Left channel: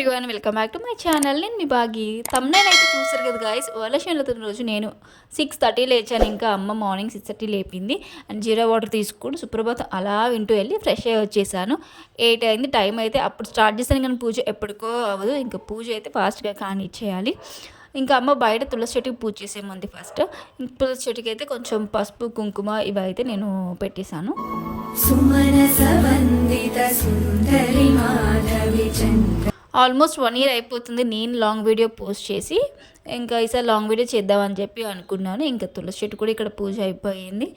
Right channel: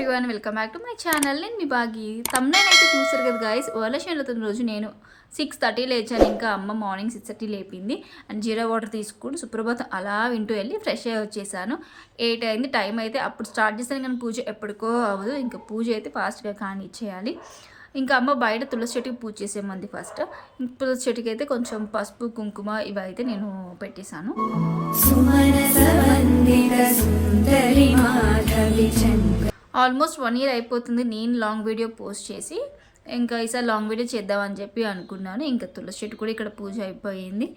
Everyone, welcome back to my channel. నేను మీ బాగి. తమ్ముడైన అయితే చూస్తారు కదా గాయస్. వరలక్ష్మి రోజు నేను 6:30 లేచాను. ఇంకా అమ్మ మార్నింగ్ 6:30 లేపింది. అండ్ జీరా వాటర్ తీసుకుని సుప్రభాతం అలా వింటూ వెళ్ళి ఫ్రెష్ అయ్యి వచ్చేసాను. 8 అయింది టైం అయితే. అప్పుడు స్టార్ట్ చేశాను కానీ పూజ ఎప్పటికో అవ్వదు. ఇంకా పూజ అయితే ఫాస్ట్గా కానీ ఇచ్చేయాలి. ఇంకా అమ్మ బయట తులసి చెట్టుకి పూజ చేసేమంది ఫస్ట్. తులసి చెట్టుకి అయితే కొంచెం పసుపు కుంకుమ ఇవి అయితే నేను పెట్టేశాను. ఆల్మోస్ట్ 1 year అయిపోతుంది నేను లాంగ్ వీడియో పోస్ట్ చేసి. ఇంకా ఈసారి లాంగ్ వీడియో చేద్దామని చెప్పి అనుకున్నాను. ఇంకా తులసి చెట్టు కూడా ఇక్కడ పూజ అయిపోయింది.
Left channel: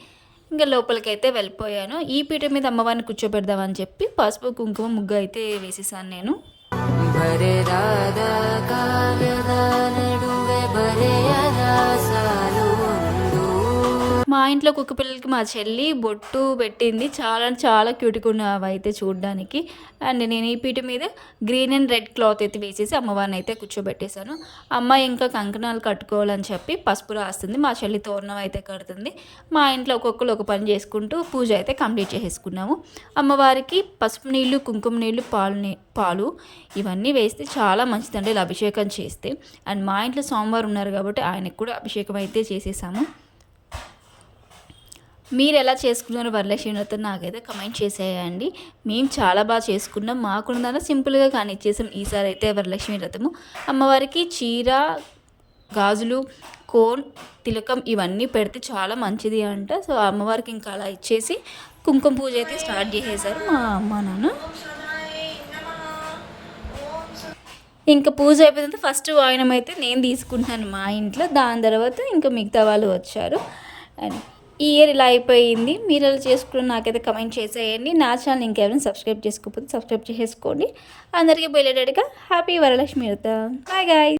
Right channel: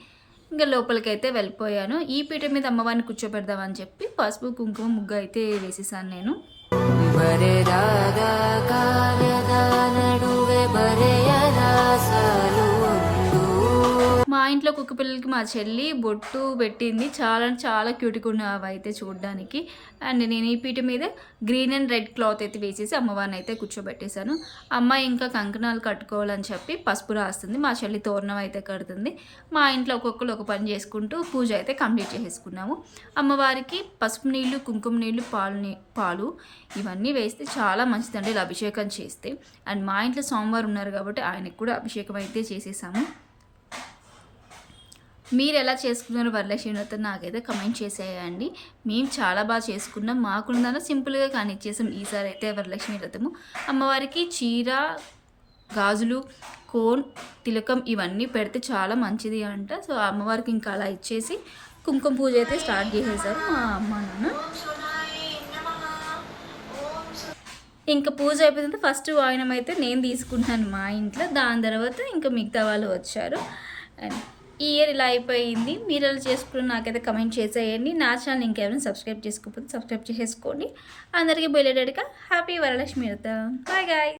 ఇంకా లోపలికి అయితే వెళ్ళిపోయాను. ఈ పీట మీద అమ్మవారిని కూర్చోబెడదామని చెప్పి పసుపు కుంకుమ ముగ్గు అయితే వేసేసాను నేను. మా ఇంట్లో కుక్క పిల్లలకి మా చెల్లి బొట్టు పెట్టింది. చాలా క్యూట్గా ఉన్నవి అయితే చూడడానికి. అండ్ నేను ఈ పీట మీద గ్రీన్ అండ్ రెడ్ క్లాత్ అయితే వేసేసి అమ్మవారిని అయితే కూర్చోబెట్టేశాను. అమ్మ ఇంకా కంకణాలు కట్టుకోవాలని చెప్పి పసుపు రాస్తుంది. మా చెల్లి తోరణం అయితే కడుతుంది. మా ఇంట్లో ఒక్కొక్కరు ఒక పని చేసుకుంటూ పూజ అయితే కంప్లీట్ చేసేసుకున్నాము. అమ్మవారికి పసుపు నీళ్ళు, కుంకుమ నీళ్ళు, పాలు ఇవన్నీ వేస్తే చాలా మంచిదండి ఇలా అభిషేకం చేస్తే. అండ్ మా ఇంట్లో సోమవారం ఉన్నారు కాబట్టి ఆయనకు కూడా అభిషేకం అయితే చేసేసాము. మీరు ఎలా చేసుకున్నారో వరలక్ష్మి వ్రతం నాకైతే కమెంట్ చేసేయండి. మేము చాలా బాగా చేసుకున్నాం. మాకున్న సింపుల్గా కానీ ఇచ్చేసాం ఈసారి అయితే వరలక్ష్మి వ్రతము. అమ్మవారికి చీర, గాజులు, కోన్, తిలకం ఇవన్నీ పెడితే చాలా మంచిది అంట. సో అమ్మవారికి ఇంకా అలా ఇచ్చేసి కుంకుమ పూజ అయితే స్టార్ట్ చేసేసారు మా అమ్మ నాన్న. ఇంకా పూజ అయిపోయిన ఫస్ట్ వాయనం అయితే నేను తీసుకుంటున్నాను మా ఇంట్లో. దాని తర్వాత ఇంకా మిగతా వాళ్ళు వచ్చారు. అండ్ ఈ ఇయర్ ఇలా అయిపోయింది. మీరు ఎలా చేసుకుని నాకైతే కమెంట్ చేసేయండి. నా ఛానల్ ఇంకెవరైనా సబ్స్క్రైబ్ చేసుకోకపోతే సబ్స్క్రైబ్ చేసుకోండి. అందరికీ bell happy Varalakshmi Vratam. Bye guy.